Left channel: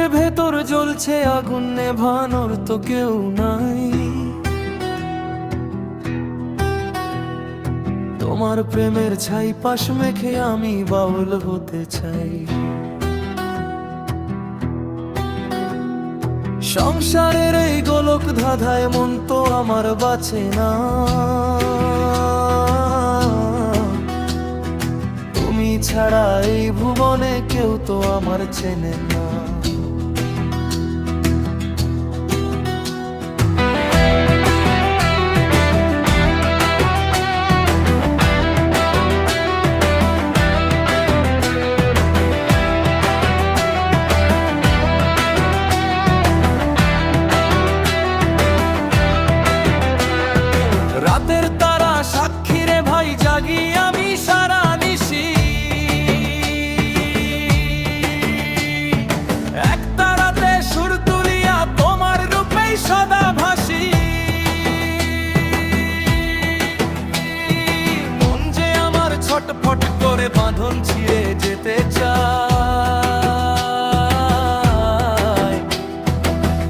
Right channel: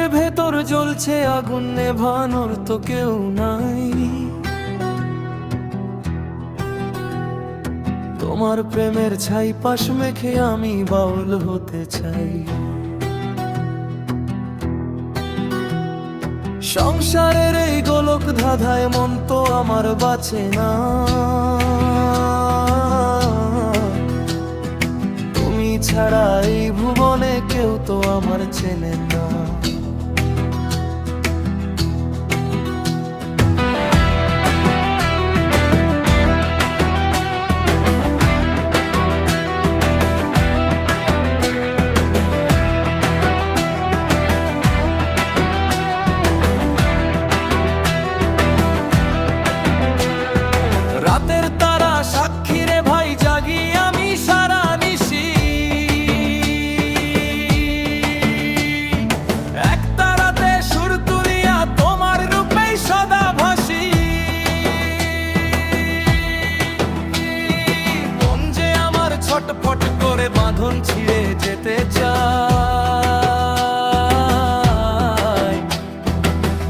বুকের ভেতর জ্বলছে আগুন, নেভানোর তো কেউ নাই। তোমার প্রেমের ছাই পাশ মেখে আমি বাউল হতে চাই। সংসারের এই গোলক ধাঁধায় মন তো আমার বাঁচে না। তুমি ছাড়া এই ভুবনে কেউ তো আমার চেনে না। রাতের তারা সাক্ষী রে ভাই, জাগি আমি সারা নিশি। এক তারাতে সুর তুলিয়া তোমার রূপেই সদা ভাসি। মন যে আমার ছটফট করে বাঁধন ছিঁড়ে যেতে চায়।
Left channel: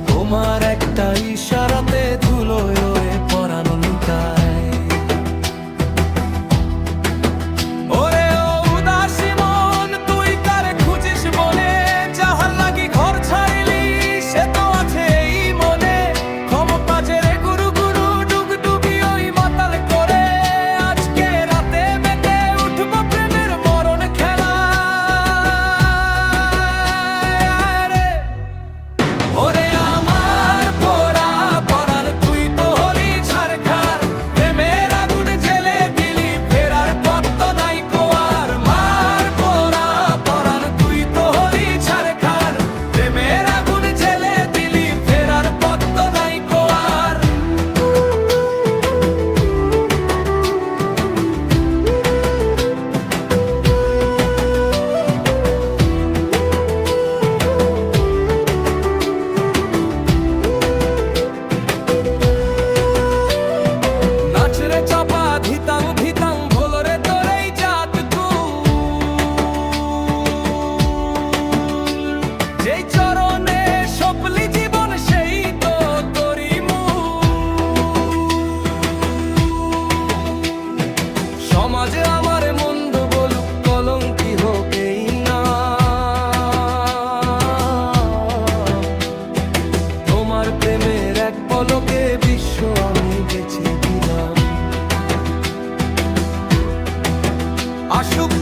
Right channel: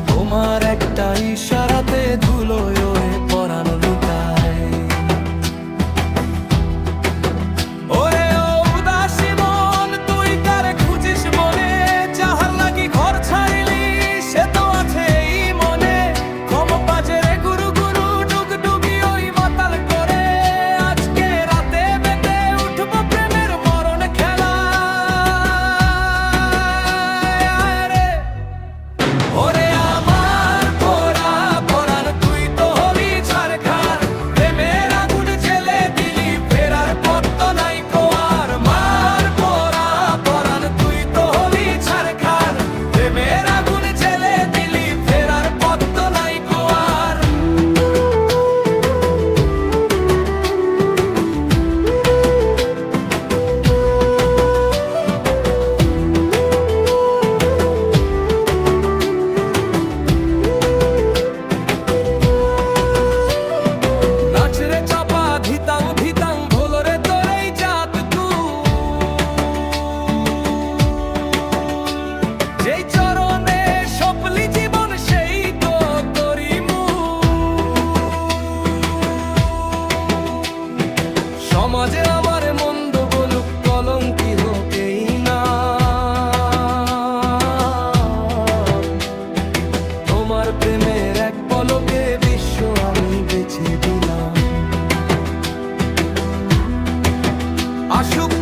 তোমার একটা ইশারাতে ধুলোয় ওরে পরানো লুকায়। ওরে ও উদাসী মন, তুই কারে খুঁজিস বনে? যাহার লাগি ঘর ছাড়িলি সে তো আছে এই মনে। ক্ষমপাজেরে গুরু গুরু ডুগডুগি ওই মাতাল করে। আজকে রাতে মেতে উঠবো প্রেমের মরণ খেলা। ওরে রে চাপা ধিতাং ধিতাং ভোলরে তোর এই জাত যেই চরণে সপলি জীবন সেই তো তোরি সমাজে আমার মন্দ বলুক, কলঙ্কি হোক এই না। তোমার প্রেমের এক পলকে বিশ্ব আমি বেছে দিলাম। আসুক